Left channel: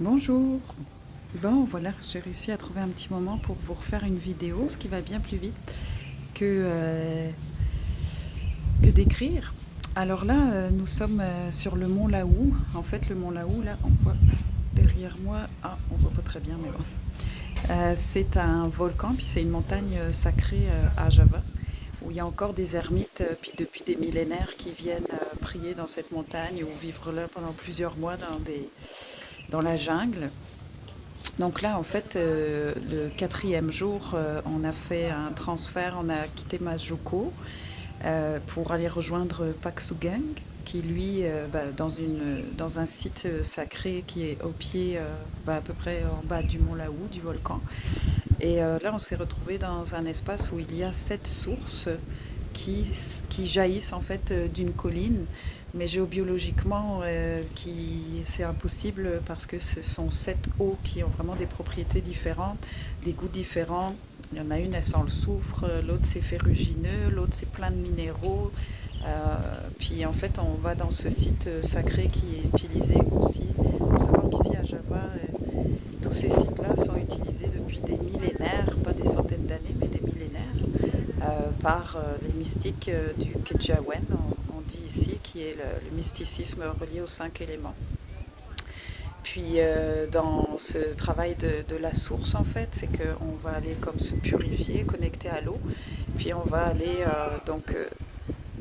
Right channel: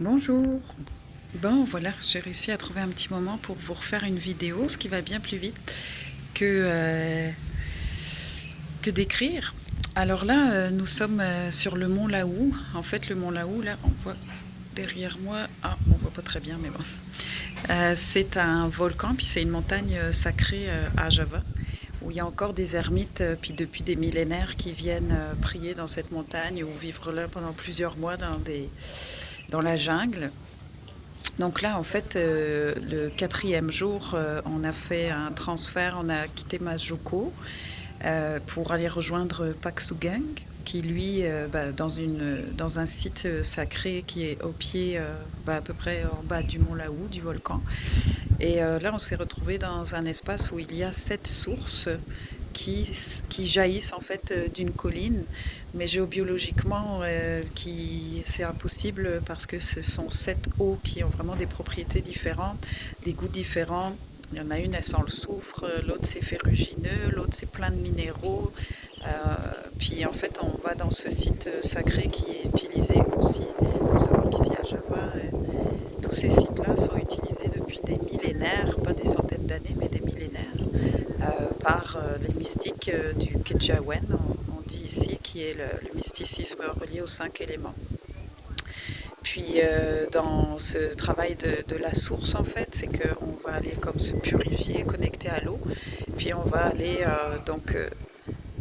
Bonjour. Bon, voilà, j'ai réussi à trouver un petit moment pour vous refaire une vidéo, ce qui va bien plus vite que, euh, que d'écrire. Alors là, nous sommes sur le mont Laou. En fait, le mont Laou, là, on voit derrière moi. Ah, on voit pas très bien, mais bon. C'est un volcan, puis c'est une montagne sacrée à Java, où il y a encore des ermites, puis depuis des millénaires, qui viennent prier dans cette montagne ou vivre là pendant plusieurs mois dans la jungle. Donc là, en fait, le quatrième jour, on a fait un transfert, on a quitté Majoko pour aller rejoindre Paksugang, qui lui, dans un site sacré qui est au pied, à peu près en bas du mont Laou, du volcan. Et là, on s'est retrouvé dans un espace où il y a 7 sources qui, qui jaillissent en fait d'une colline, mais géobiologiquement, c'est impossible parce que ce sont 7 eaux qui ont vraiment des propriétés différentes, des goûts différents. Il y en a une, elle sent le soufre, l'autre c'est ferrugineux, l'autre c'est plein de minéraux. Puis en fait, on va dans ce site sacré qui est utilisé aussi. Il faut savoir qu'ici à Java, tous ces sites-là sont utilisés depuis des millénaires, pas des centaines d'années, mais des millénaires, par les mystiques du Kejawen, on dit ici, qui est le mysticisme relié aux 5 éléments. Puis dans ce travail de la source, en fait, c'est qu'on va aller comme se purifier, connecter à l'eau, puis on va aller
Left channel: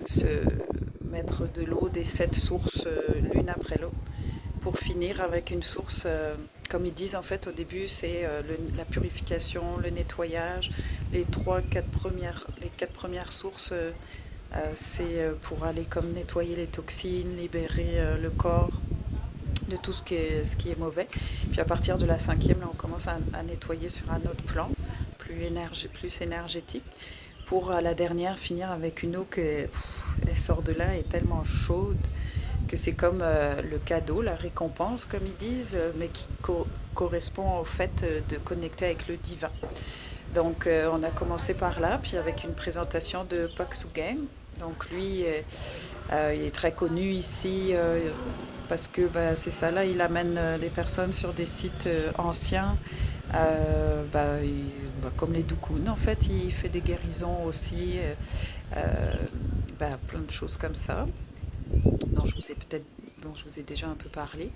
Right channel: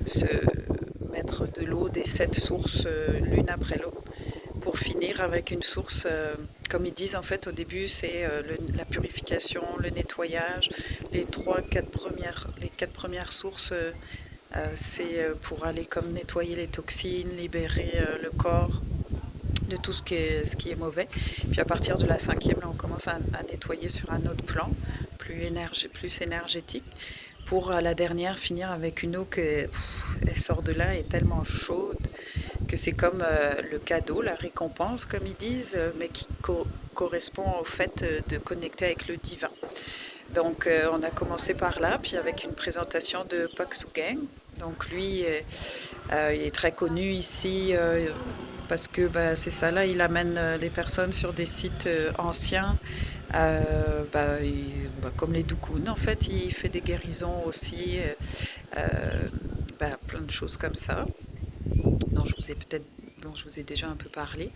se mettre de l'eau des 7 sources l'une après l'autre pour finir avec une source, comme ils disent en fait au début, c'est la purification, le nettoyage. Les 4 premières sources, c'est pour aller comme nettoyer les toxines, libérer le corps de tout ce qui est mauvais. Puis à partir de la 5e, là, on commence à nettoyer sur un autre plan, plus énergétique, pour à la dernière finir avec une eau elle sort de là, est tellement chaude que c'est comme le cadeau, la récompense, comme ils disent, mais qui correspond au fait de connecter avec le divin. Donc on a commencé par là, puis avec une présentation de Pak Sugang. Donc lui, il est très connu ici parce que c'est ça, là, il amène les personnes sur des sites anciens, comme les Dukun en fait, il fait des guérisons aussi, plein de choses comme ça, dont je vous ai peut-être dont je vous ai déjà un peu parlé.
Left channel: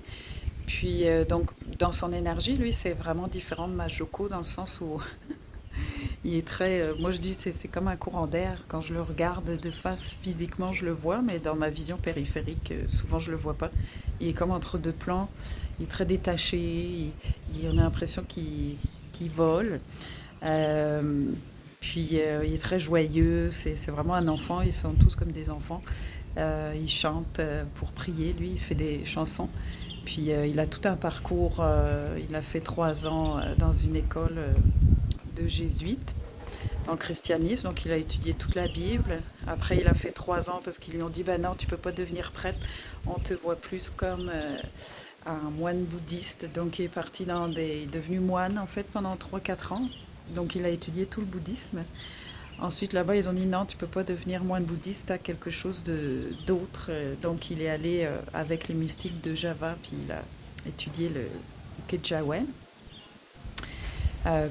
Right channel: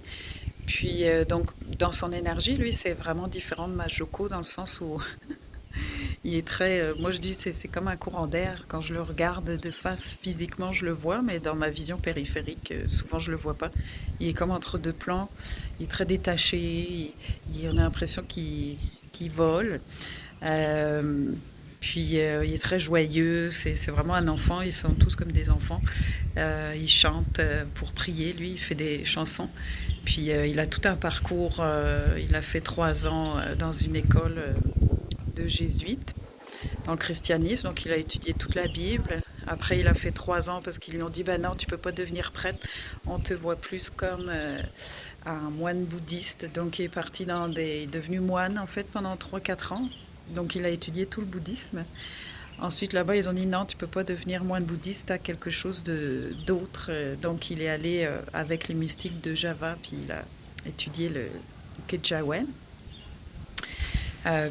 Puis donc dans son énergie, lui, c'est vraiment différent de Majoko dans le sens où il est très. Moi, je dis c'est comme un courant d'air. Quand je le regarde de face, physiquement, je le vois, mais dans ma vision périphérique, souvent, je le vois pas. Il est comme entre deux plans. Il est très détaché. On a l'impression qu'il vole. Euh, Puis il est très joyeux. C'est vraiment un enfant. Ils sont tous comme des enfants. Il chante pour prier. Lui, il fait des chansons. Puis il a tout un parcours. Il a fait 3 ans dans une école de jésuites dans le christianisme, donc il a étudié toute la Bible. Après, il a fait 3 ans parce qu'ils lui ont dit bah non, tu peux pas devenir prêtre, on te voit plus comme un moine bouddhiste. Donc il est parti il est devenu moine en fait pendant 3 4 ans. Donc il a étudié tout le bouddhisme. Ensuite là-bas, ils ont dit non, tu peux pas devenir moine bouddhiste, tu as quelque chose d'autre. Donc il est allé avec les mystiques de Java, puis il a étudié le Kejawen.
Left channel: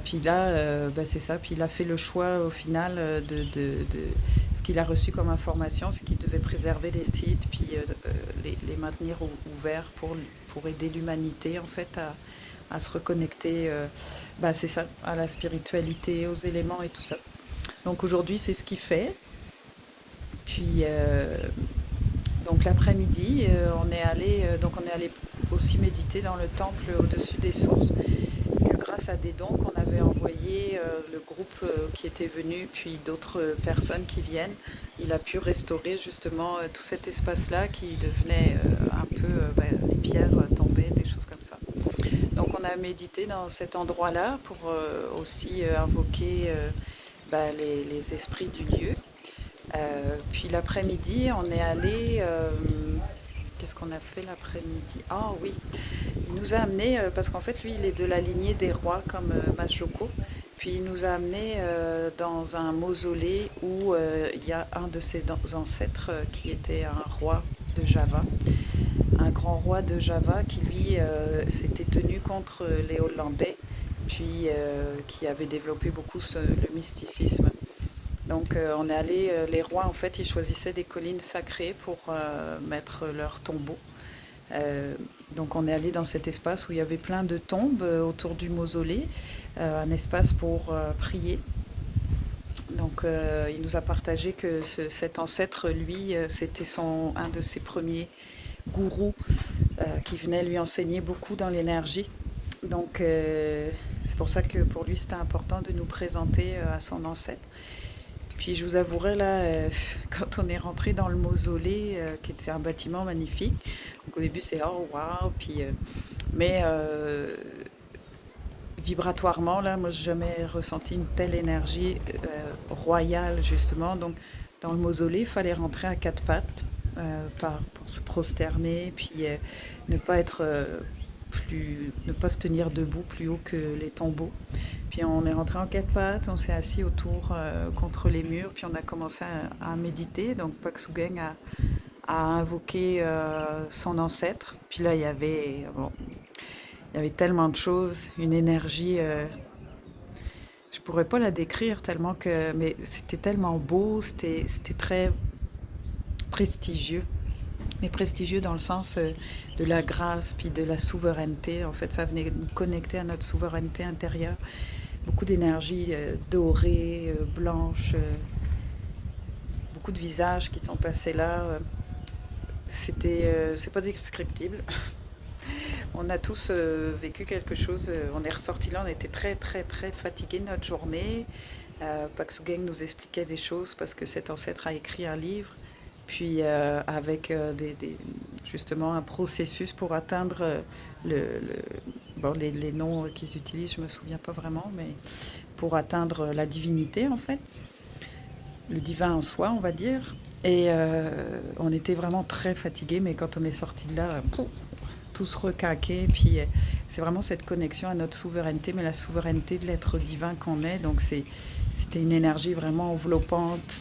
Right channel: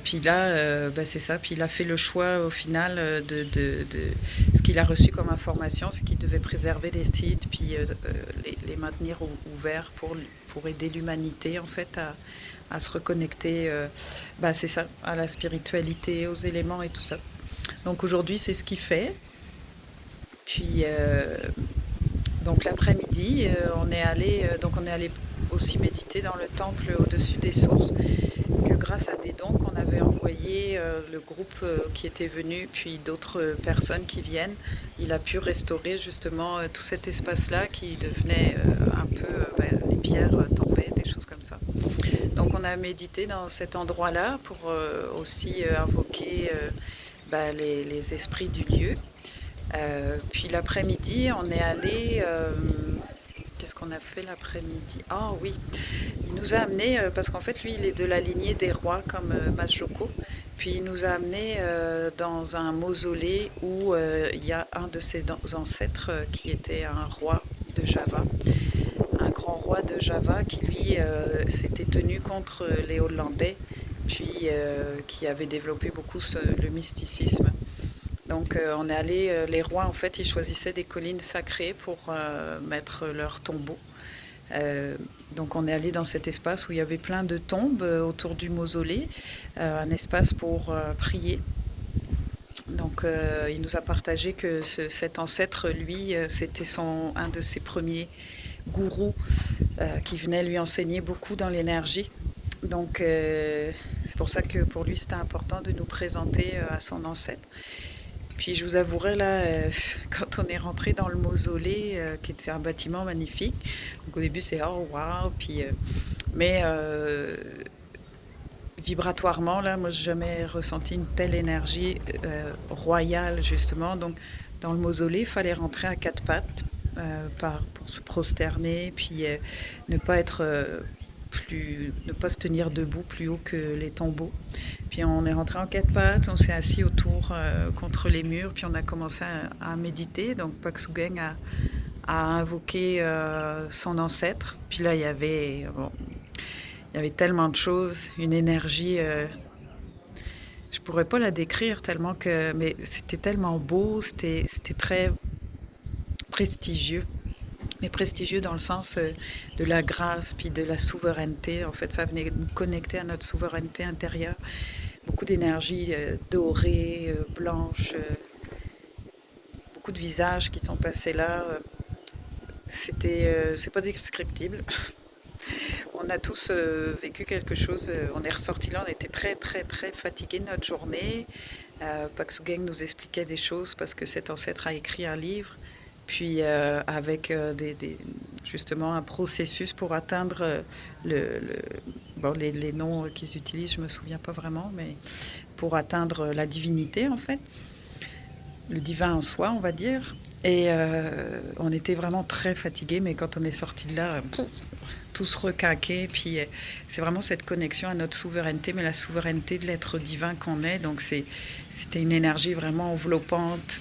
Puis là, c'est ça. Puis il a fait le choix au final de ce qu'il a reçu comme information, c'est qu'il devait préserver les sites, puis les maintenir ouverts pour aider l'humanité en fait à se reconnecter, c'est ça, à la spiritualité, aux éléments et tout ça. Donc aujourd'hui, c'est ce qu'il fait. Puis donc l'après-midi, on est allé aussi méditer dans le temple au-dessus des sources que grâce à des dons qu'on avait envoyés, le groupe qui était venu, puis d'autres personnes qui viennent, il a pu restaurer justement tout cet espace-là qui devenait un peu, les pierres tombaient, des choses comme ça. Donc on a médité dans cet endroit-là pour aussi invoquer les esprits du lieu. Puis l'après-midi, on est allé. Qu'est-ce qu'on a fait l'après-midi? Ah oui, il nous a amené, parce qu'en fait, lui, il est de la lignée des rois comme Masjoko. Puis il nous a amené dans un mausolée où il y a un de ses ancêtres qui était un roi de Java, un grand roi de Java qui, lui, s'était tenu contre les Hollandais, puis qui avait développé beaucoup le mysticisme. Donc on est allé, les rois en fait, ils choisissaient des collines sacrées pour mettre leur tombeau. Donc on est allé dans cet espace où il y avait plein de tombes autour du mausolée, un espace pour prier. Donc il nous a partagé que cet ancêtre, lui, c'était un de ses premiers gourous qui venait lui enseigner beaucoup dans l'énergie. Donc c'est pour ça que pour lui c'était important de nous présenter à son ancêtre. Puis je vous avouerai là, quand on est rentré dans le mausolée, qui était un bâtiment magnifique, donc au début c'est oh waouh, puis mais vibratoirement là, moi j'ai jamais ressenti une telle énergie royale justement. Donc dans le mausolée, il fallait rentrer à quatre pattes pour se prosterner, puis ne pas être ne pas se tenir debout plus haut que les tombeaux. Puis on est rentré en quatre pattes, on s'est assis autour contre les murs, puis on a commencé à méditer. Donc Pak Sugeng a invoqué son ancêtre. Puis là, il y avait tellement de choses, une énergie. Je pourrais pas la décrire tellement que, mais c'était tellement beau, c'était très prestigieux. Mais prestigieux dans le sens de la grâce, puis de la souveraineté. En fait, ça venait nous connecter à notre souveraineté intérieure. Beaucoup d'énergie dorée, blanche, beaucoup de visages qui sont passés là. C'est pas descriptible. On a tous vécu quelque chose. On est ressortis là, on était très très très fatigués de notre journée. Pak Sugeng nous expliquait des choses parce que cet ancêtre a écrit un livre. Puis avec justement un processus pour atteindre les noms qu'ils utilisent, je ne me souviens pas vraiment, mais pour atteindre la divinité en fait, le divin en soi on va dire. Et on était vraiment très fatigués, mais quand on est sorti de là, tous requinqués, puis c'est vraiment cette connexion à notre souveraineté, mais la souveraineté de l'être divin qu'on est. Donc c'était une énergie vraiment enveloppante,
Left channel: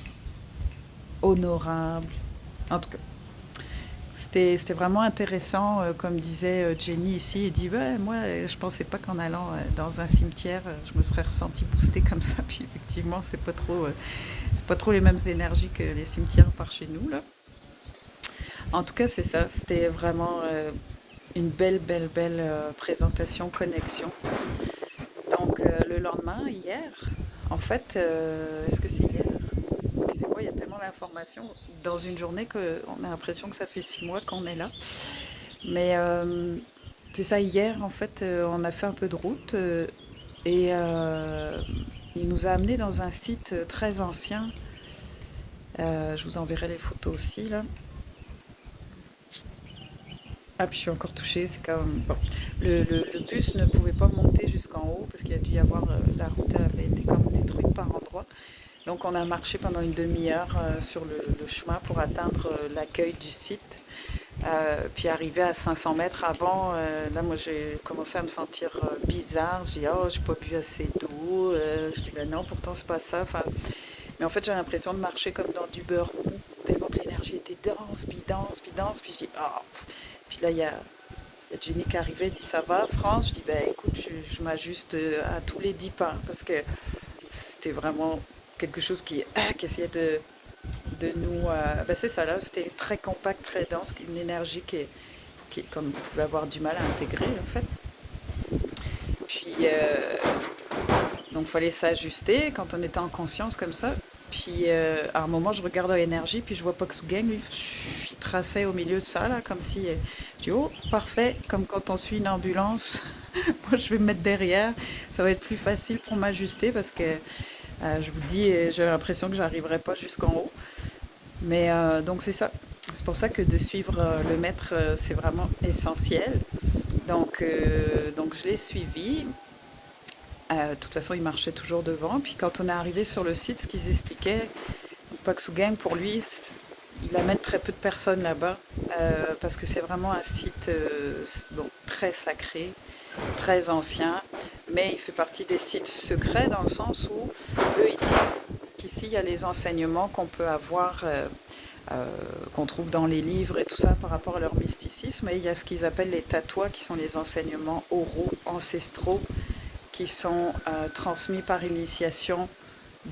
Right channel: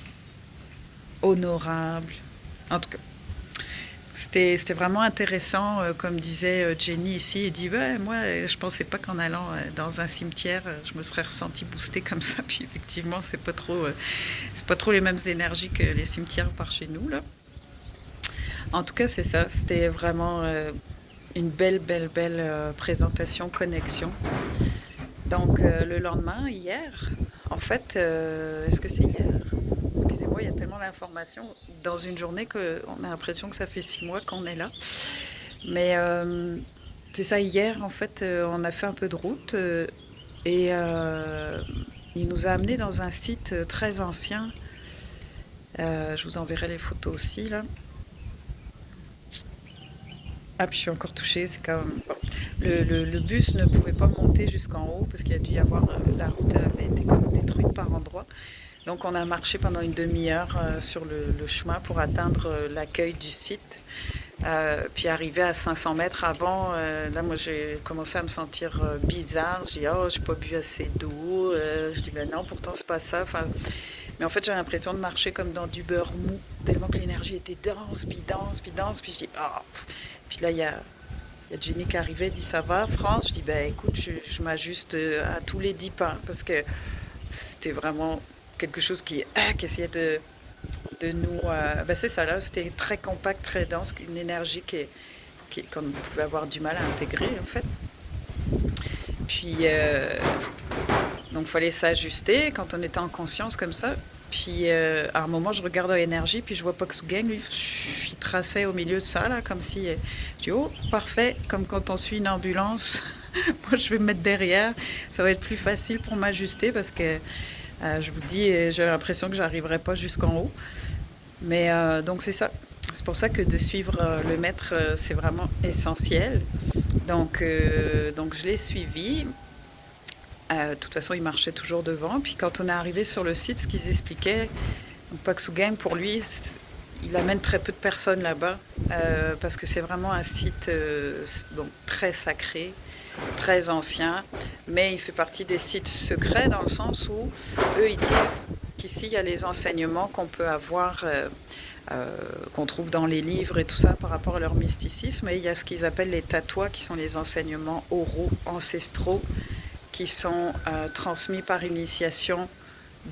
honorable. En tout cas, c'était vraiment intéressant, comme disait Jenny ici. Elle dit ouais, moi, je pensais pas qu'en allant dans un cimetière, je me serais ressentie boostée comme ça. Puis effectivement, c'est pas trop les mêmes énergies que les cimetières par chez nous là. En tout cas, c'est ça. C'était vraiment une belle présentation, connexion. Donc le lendemain, hier, en fait, est-ce que c'est hier? Excusez-moi, il y a tellement d'informations dans une journée qu'on a l'impression que ça fait 6 mois qu'on est là. Mais c'est ça, hier, en fait, on a fait un peu de route et il nous a amenés dans un site très ancien. Je vous enverrai les photos aussi, là. Ah, puis je suis encore touchée, c'est quand même... Bon. Le bus ne pouvait pas monter jusqu'en haut parce qu'il y a dû y avoir... la route avait été comme détruite par endroits. Donc on a marché pendant une demi-heure sur le chemin pour atteindre l'accueil du site. Puis arrivé à 500 mètres avant, là moi j'ai commencé à me sentir bizarre. Je dis oh j'ai pas bu assez d'eau. Je dis ben non pourtant c'est pas ça. Enfin, mais en fait j'ai l'impression de marcher comme dans du beurre mou tellement que l'énergie était dense. Puis je dis oh. Puis là il y a Jenny qui arrivait, elle dit ça va France? Je dis ben écoute je m'ajuste à tous les 10 pas parce que c'était vraiment quelque chose qui essayait de nous... c'est ça là, c'était très compact, très dense, une énergie qui comme vous pouvez avoir du mal à intégrer en fait. Puis donc il fallait s'ajuster quand on était en conscience comme ça. Puis à un moment je regarde l'énergie, puis je vois Pak Sugeng, lui il traçait au milieu de ça là, comme si... je dis oh parfait, comme quand on suit une ambulance. Moi je vais me mettre derrière, ça va être plus facile pour m'ajuster parce que je vous dis, j'ai l'impression que j'arriverai pas jusqu'en haut. Mais donc c'est ça. C'est pour ça que de suivre le maître, c'est vraiment essentiel. Donc je l'ai suivi. De toute façon, il marchait toujours devant. Puis quand on est arrivé sur le site, ce qu'ils expliquaient, Pak Sugeng, pour lui, il amène très peu de personnes là-bas. Parce que c'est vraiment un site très sacré, très ancien, mais il fait partie des sites secrets dans le sens où eux ils disent qu'ici il y a les enseignements qu'on peut avoir qu'on trouve dans les livres et tout ça par rapport à leur mysticisme. Et il y a ce qu'ils appellent les tatouas, qui sont les enseignements oraux, ancestraux, qui sont transmis par initiation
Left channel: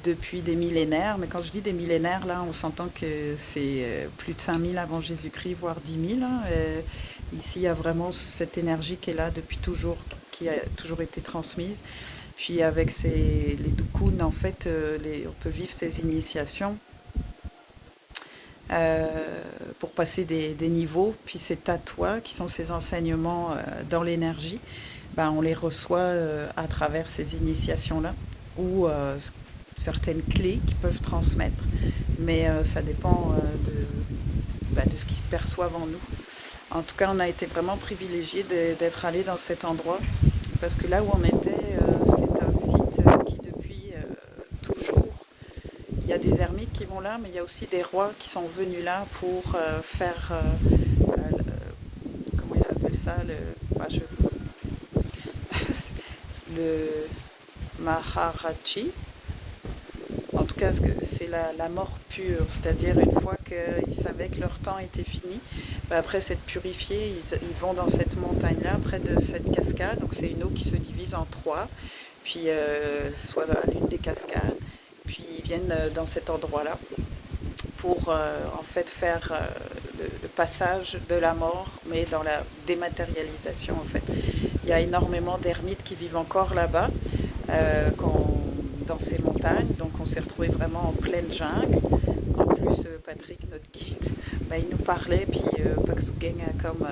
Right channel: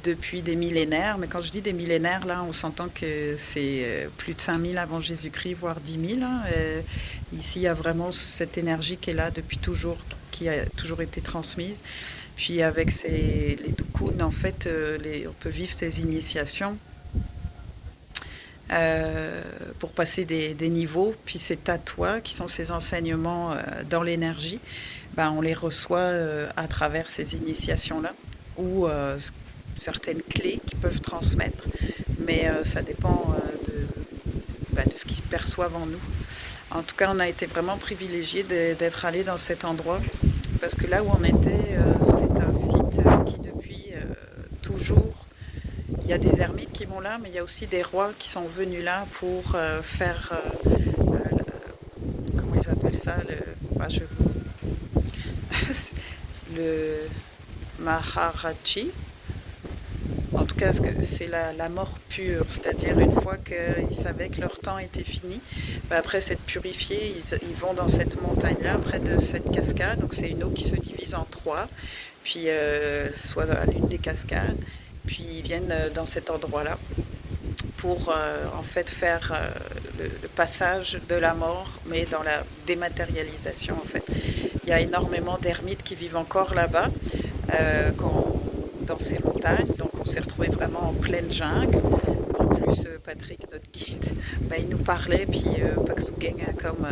depuis des millénaires. Mais quand je dis des millénaires, là, on s'entend que c'est plus de 5000 avant Jésus-Christ, voire 10 000. Hein. Ici, il y a vraiment cette énergie qui est là depuis toujours, qui a toujours été transmise. Puis avec les dukuns, en fait, on peut vivre ces initiations pour passer des niveaux. Puis ces tatouas, qui sont ces enseignements dans l'énergie, ben, on les reçoit à travers ces initiations-là, ou certaines clés qu'ils peuvent transmettre. Mais ça dépend de ce qu'ils perçoivent en nous. En tout cas, on a été vraiment privilégiés d'être allés dans cet endroit, parce que là où on était, c'est un site qui depuis toujours, il y a des ermites qui vont là, mais il y a aussi des rois qui sont venus là pour faire, comment ils appellent ça, le Maharaji. En tout cas, c'est la mort pure, c'est-à-dire une fois qu'ils savaient que leur temps était fini, après s'être purifiés, ils vont dans cette montagne-là, près de cette cascade. Donc c'est une eau qui se divise en trois, puis soit à l'une des cascades, puis ils viennent dans cet endroit-là pour en fait faire le passage de la mort, mais dans la dématérialisation en fait. Il y a énormément d'ermites qui vivent encore là-bas, dans ces montagnes, donc on s'est retrouvé vraiment en pleine jungle. En plus, Patrick, notre guide, il nous parlait, puis Paksugeng a comme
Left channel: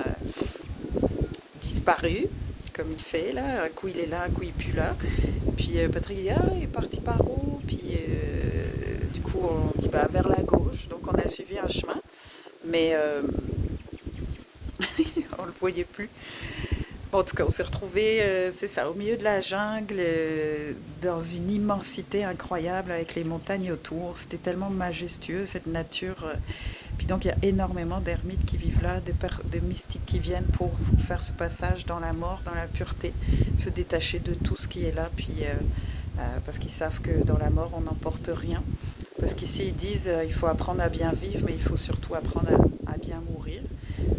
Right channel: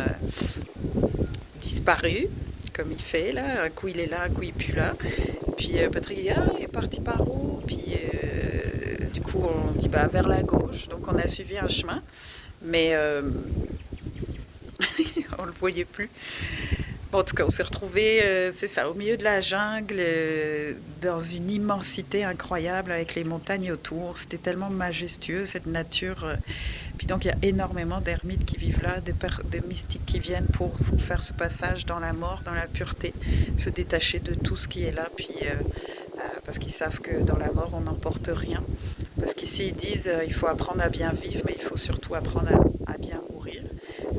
disparu, comme il fait là, un coup il est là, un coup il est plus là. Puis Patrick dit, il est parti par où? Puis du coup on dit, vers la gauche, donc on a suivi un chemin, mais on le voyait plus. En tout cas, on s'est retrouvés, c'est ça, au milieu de la jungle, dans une immensité incroyable, avec les montagnes autour. C'était tellement majestueux, cette nature. Puis donc, il y a énormément d'ermites qui vivent là, des mystiques qui viennent pour faire ce passage dans la mort, dans la pureté, se détacher de tout ce qui est là, puis parce qu'ils savent que dans la mort, on n'emporte rien. Parce qu'ici, ils disent, il faut apprendre à bien vivre, mais il faut surtout apprendre à bien mourir.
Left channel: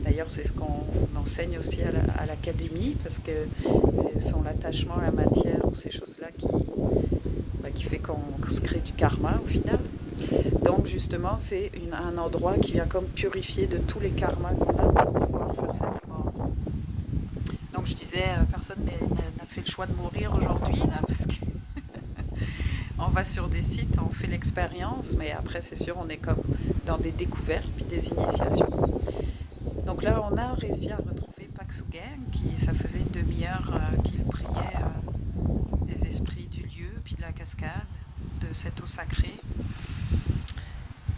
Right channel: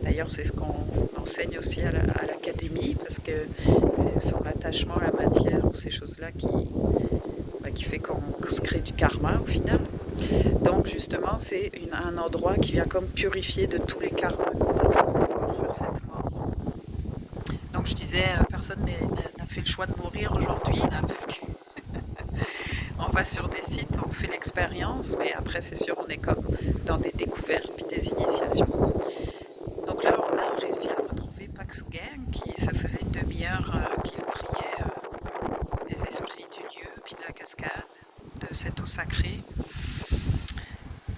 D'ailleurs, c'est ce qu'on enseigne aussi à l'académie, parce que c'est son attachement à la matière ou ces choses-là qui fait qu'on se crée du karma au final. Donc justement, c'est un endroit qui vient comme purifier de tous les karmas qu'on a pour pouvoir faire cette mort. Donc je disais, personne n'a fait le choix de mourir aujourd'hui, là, parce que on va sur des sites, on fait l'expérience, mais après c'est sûr, on est comme dans des découvertes puis des initiations. Donc là, on a réussi à retrouver Paksugeng, ça faisait une demi-heure qu'il priait les esprits du lieu, puis de la cascade, de cette eau sacrée.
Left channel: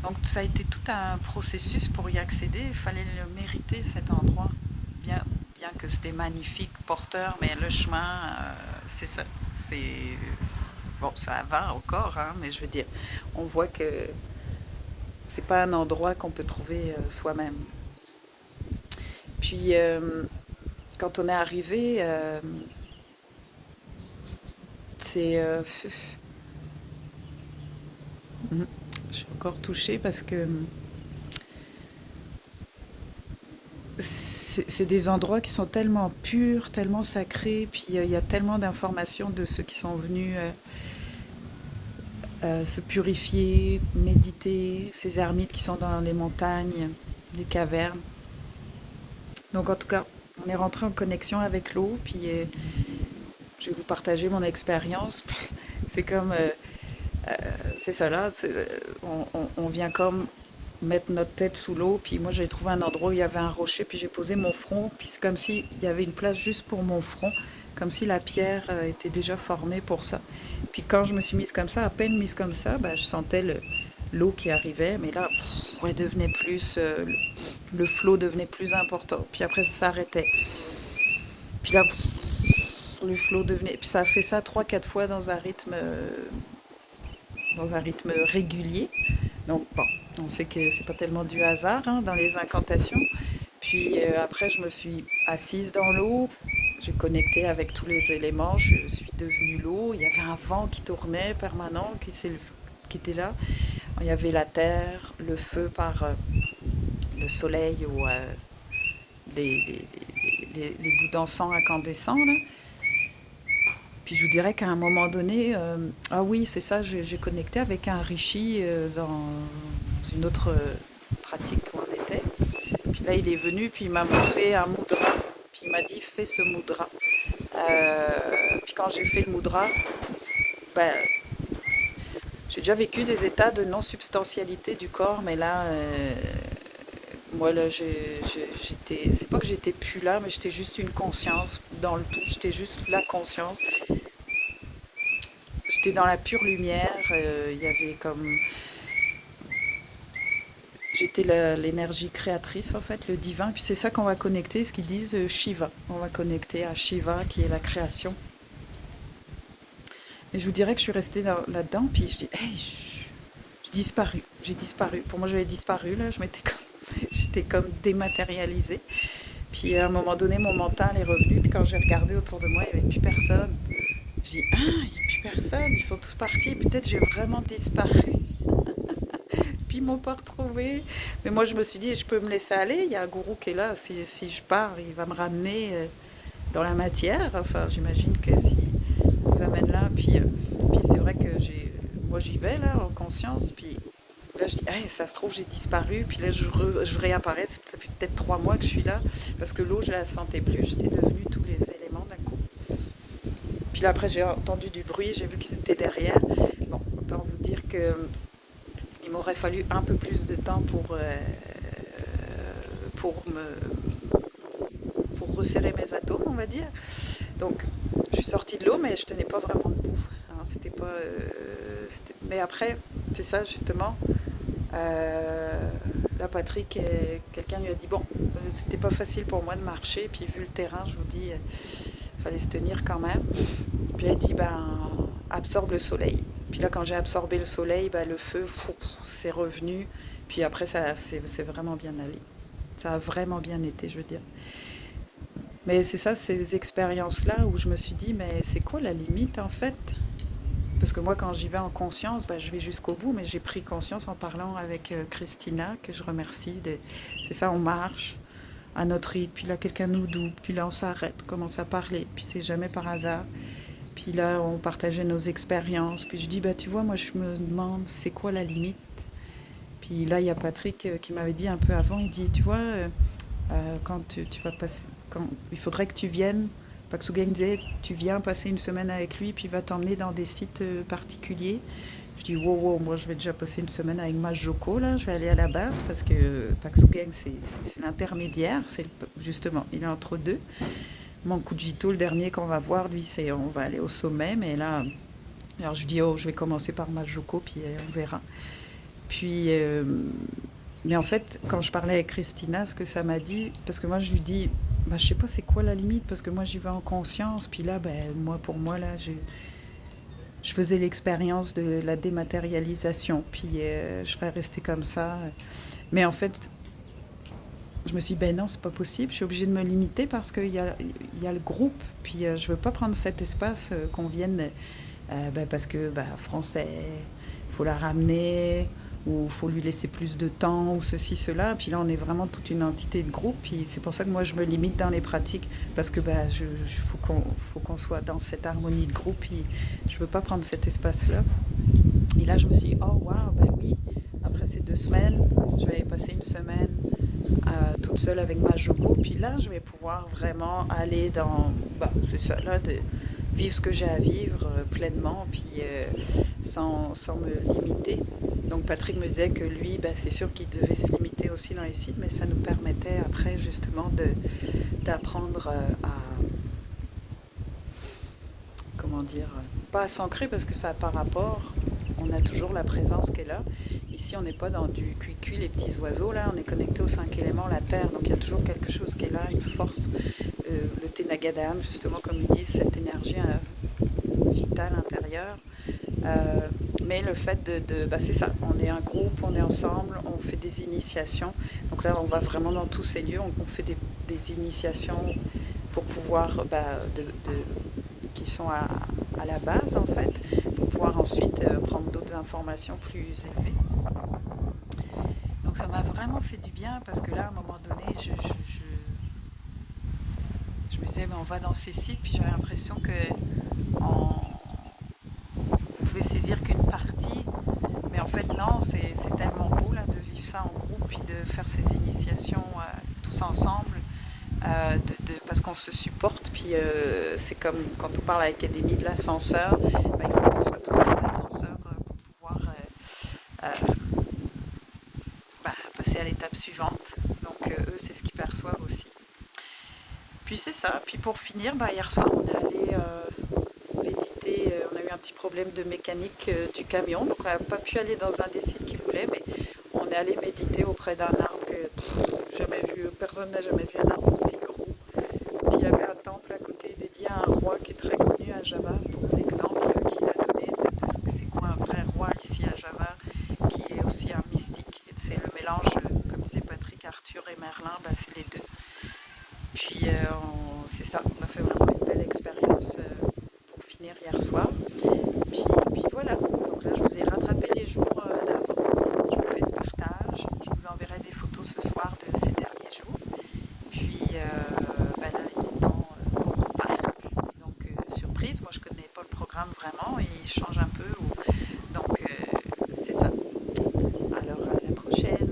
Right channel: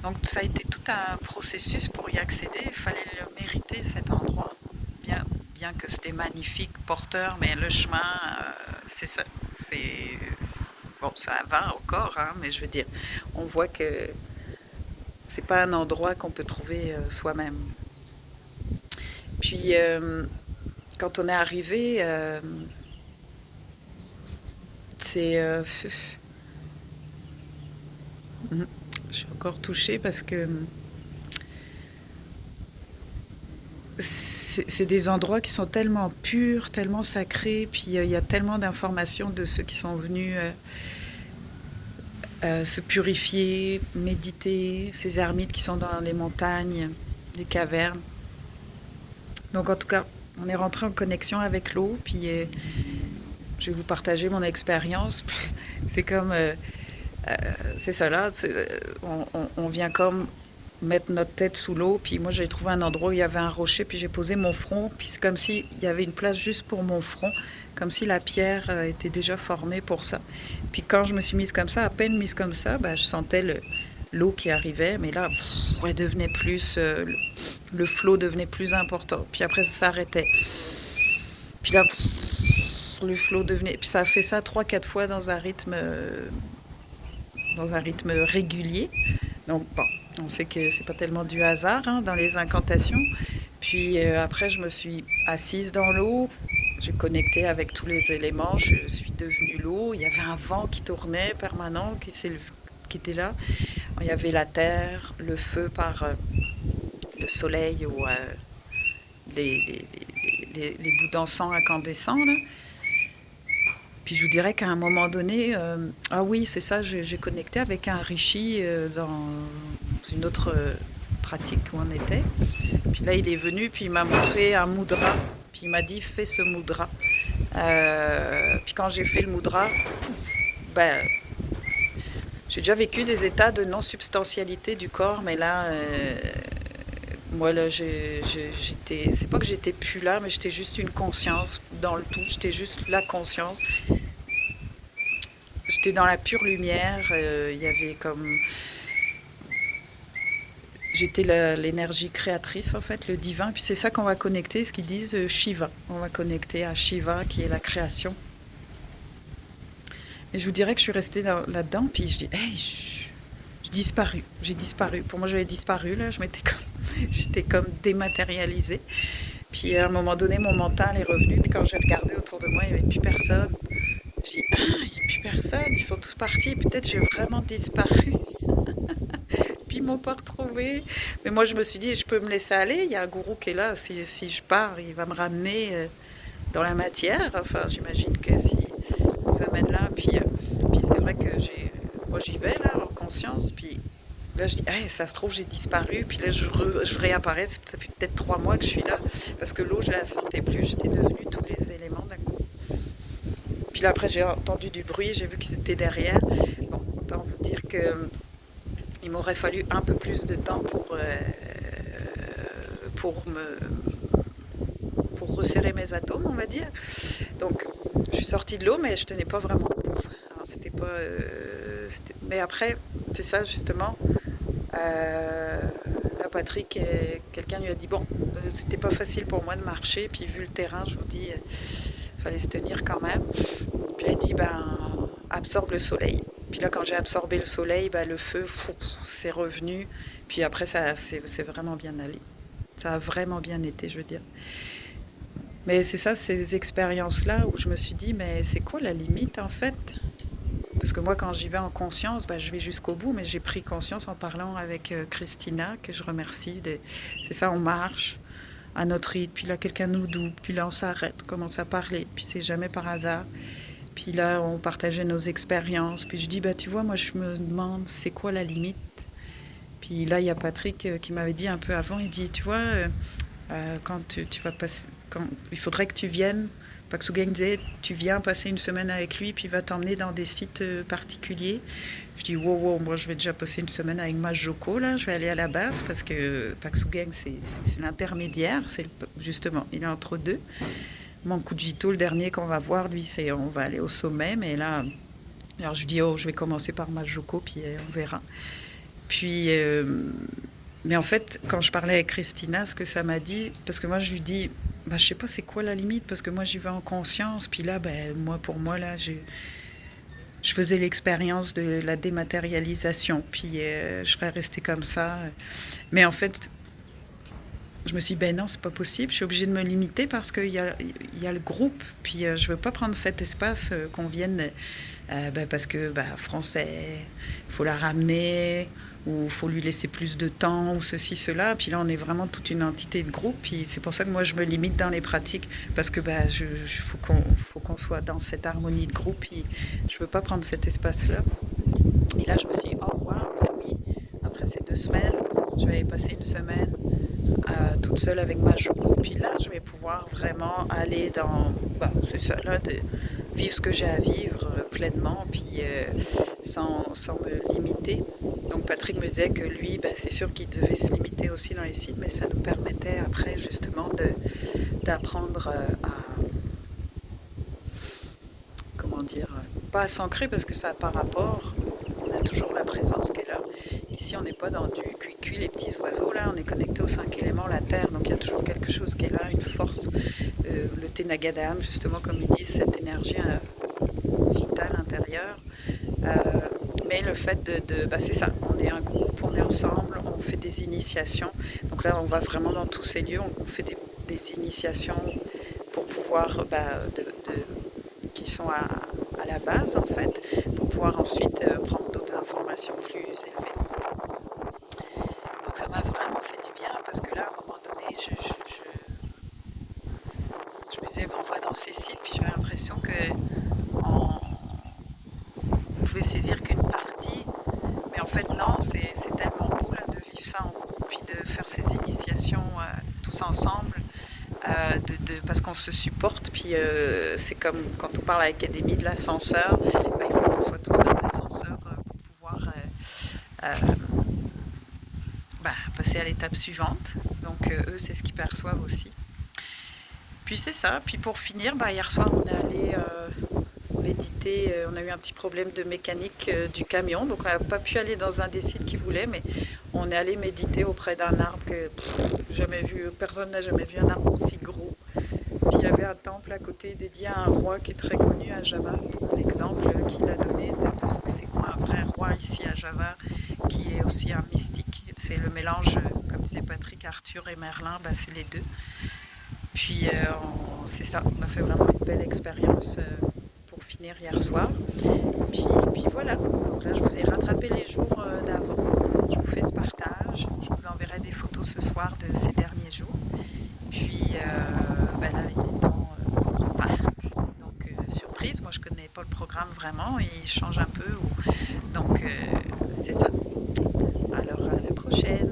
Donc ça a été tout un processus pour y accéder. Il fallait le mériter, cet endroit. Bien que c'était magnifique, porteur, mais le chemin, c'est ça. Bon, ça va encore, hein, mais je veux dire, on voit que c'est pas un endroit qu'on peut trouver soi-même. Puis, quand on est arrivé, je suis encore touchée parce que c'est des endroits qui sont tellement purs, tellement sacrés, puis il y a tellement d'informations de ceux qui sont venus se purifier, méditer, ces ermites qui sont dans les montagnes, les cavernes. Donc en tout cas, on est rentré en connexion avec l'eau, puis je vais vous partager mon expérience. C'est comme, c'est ça là, on vient comme mettre notre tête sous l'eau, puis moi j'ai trouvé un endroit où il y avait un rocher, puis j'ai posé mon front, puis c'est comme s'il y avait une place juste pour mon front, comme si la pierre était déjà formée pour ça. Puis quand je me suis mise comme ça, à peine mise comme ça, je sentais l'eau qui arrivait, mais là, elle devenait plus, le flot devenait plus important. Puis après, ça s'arrêtait. Puis là, le flot devenait... Puis ça a fait ça 3-4 fois dans un rythme régulier. Donc bon, on sait que c'est pas tellement du hasard dans les incantations. Puis après, je me suis assise dans l'eau. J'ai connecté avec tous les éléments. Je suis devenue l'eau. Il y avait un vent qui tournait permanent, qui était là. Il y avait la terre, le feu par le soleil ou les bouts d'encens incandescents, là. Puis je vous dirais qu'à un moment donné, ah oui, c'est ça, j'ai connecté avec un rishi dans une autre pratique où on était. Puis là, il est venu, puis il m'a montré un mudra. Puis il m'a dit, fais ce mudra. Puis quand j'ai fait le mudra, ben, j'ai déjà vécu des états de non-substantialité du corps, mais là, moi, là, j'étais. C'est pas que j'étais plus là, mais j'étais juste une conscience dans le tout. J'étais juste la conscience. J'étais dans la pure lumière. Il y avait comme. J'étais l'énergie créatrice, en fait, le divin. Puis c'est ça qu'on va connecter, ce qu'ils disent Shiva. On va connecter à Shiva, qui est la création. Et je vous dirais que je suis restée là-dedans, puis je dis, hey, j'ai disparu. J'ai disparu. Pour moi, j'avais disparu, là. J'étais comme dématérialisée. Puis à un moment donné, mon mental est revenu. Puis quand j'ai regardé autour de moi, il n'y avait plus personne. Je dis, ah, il n'y a plus personne. Ils sont tous partis. Peut-être j'ai vraiment disparu. Puis ils m'ont pas retrouvée. Mais moi, je me suis dit, je peux me laisser aller. Il y a un gourou qui est là. Si je pars, il va me ramener dans la matière. Enfin, j'imagine que s'il nous amène là. Puis c'est vrai que moi, j'y vais là, en conscience. Puis là, je dis, hey, ça se trouve, j'ai disparu. Puis là, je réapparais. Ça fait peut-être 3 mois que je suis là. Parce que l'eau, je la sentais plus. J'étais devenue tous les éléments d'un coup. Puis là, après, j'ai entendu du bruit. J'ai vu qu'ils étaient derrière. Bon, autant vous dire que il m'aurait fallu un peu plus de temps pour resserrer mes atomes, on va dire. Donc, je suis sortie de l'eau, mais je tenais pas vraiment debout. Alors, c'était pas. Mais après, c'est ça justement. Là, Patrick, quelqu'un lui a dit bon, c'était pas facile pour moi de marcher, puis vu le terrain, je vous dis, fallait se tenir quand même. Puis elle a dit ben, absorbe le soleil. Puis là, quand j'ai absorbé le soleil, ben, le feu, c'est revenu. Puis après, c'est vraiment bien allé. Ça a vraiment bien été, je veux dire. Mais c'est ça, ces expériences-là où je me suis dit, mais c'est quoi la limite en fait? Parce que moi, quand j'y vais en conscience, ben, je vais jusqu'au bout, mais j'ai pris conscience en parlant avec Christina, que je remercie. C'est ça, on marche à notre rythme, puis là, quelqu'un nous double, puis là, on s'arrête, commence à parler, puis c'est jamais par hasard. Puis là, on partageait nos expériences. Puis je dis, bah, tu vois, moi, je me demande, c'est quoi la limite? Puis là, il y a Patrick qui m'avait dit un peu avant, il dit, tu vois, quand tu vas passer, il faudrait que tu viennes, Paxu disait, tu viens passer une semaine avec lui, puis il va t'emmener dans des sites particuliers. Je dis, wow, moi, je vais déjà passer une semaine avec Majoko, là, je vais aller à la base, parce que Paxu c'est l'intermédiaire, justement, il est entre deux. Mankujito, le dernier qu'on va voir, lui, on va aller au sommet, mais là, alors je dis, je vais commencer par Majoko, puis on verra. Puis, mais en fait, quand je parlais avec Christina, ce que ça m'a dit, parce que moi, je lui dis, bah, je sais pas c'est quoi la limite, parce que moi, j'y vais en conscience, puis là, ben, pour moi, là, je faisais l'expérience de la dématérialisation, puis je serais restée comme ça. Mais en fait, je me suis dit, ben non, c'est pas possible, je suis obligée de me limiter parce qu'il y a le groupe, puis je veux pas prendre cet espace qu'on vienne, parce que français, il faut la ramener, ou il faut lui laisser plus de temps, ou ceci, cela, puis là on est vraiment toute une entité de groupe, puis c'est pour ça que moi je me limite dans les pratiques, parce que faut qu'on soit dans cette harmonie de groupe, puis je veux pas prendre cet espace-là. Et là je me suis dit, oh waouh, ben oui, après ces 2 semaines, je vais passer une semaine toute seule avec Majoko, puis là je vais pouvoir vraiment aller dans, c'est ça là, de vivre ce que j'ai à vivre pleinement, puis sans me limiter. Donc Patrick me disait que lui, c'est sûr qu'il devait se limiter aussi dans les sites, mais ça nous permettait après justement d'apprendre à, comment dire, pas à s'ancrer parce que ça n'a pas rapport, on a toujours la présence qui est là. Ici, on n'est pas dans du cuicui, les petits oiseaux, là, on est connecté aux 5 éléments, la terre, donc il y a toujours quelque chose qui est là, une force, le Tenagadam, justement, comme ils disent, cette énergie vitale intérieure. Mais le fait c'est ça, on est un groupe, on est ensemble, on fait des initiations. Donc là, on va vraiment dans tous ces lieux, on fait des initiations pour pouvoir, qui sont à la base, en fait, pour pouvoir ensuite prendre d'autres informations plus élevées. Donc ça m'a vraiment fait du bien parce que là, à un moment donné, je me disais, on va dans ces sites, puis j'avais l'impression que on pouvait saisir qu'une partie. Mais en fait, non, c'est tellement beau là, de vivre ça en groupe, puis de faire ces initiations tous ensemble, parce qu'on se supporte. Puis c'est comme quand on parle à l'Académie de l'ascenseur, ben, il faut qu'on soit tous dans l'ascenseur pour pouvoir passer à l'étape suivante. Donc eux, c'est ce qu'ils perçoivent aussi. Puis c'est ça. Puis pour finir, hier soir, on est allé méditer. On a eu un petit problème de mécanique du camion, donc on n'a pas pu aller dans un des sites qu'ils voulaient, mais on est allé méditer auprès d'un arbre que jamais vu, personne n'a jamais vu un arbre aussi gros. Puis il y avait un temple à côté dédié à un roi qui est très connu à Java, pour l'exemple qu'il a donné de ce que c'est quoi un vrai roi ici à Java, qui est aussi un mystique. C'est le mélange, comme disait Patrick, Arthur et Merlin, c'est les deux. Puis c'est ça, on a fait vraiment une belle expérience pour finir hier soir. Puis voilà, donc là je vous ai rattrapé les jours d'avant, je vous fais ce partage, je vous enverrai des photos ce soir de ces derniers jours. Puis là il est temps qu'on reparte, donc surprise, moi je connais pas le programme vraiment, il change un peu, donc c'est ça. Alors à la prochaine.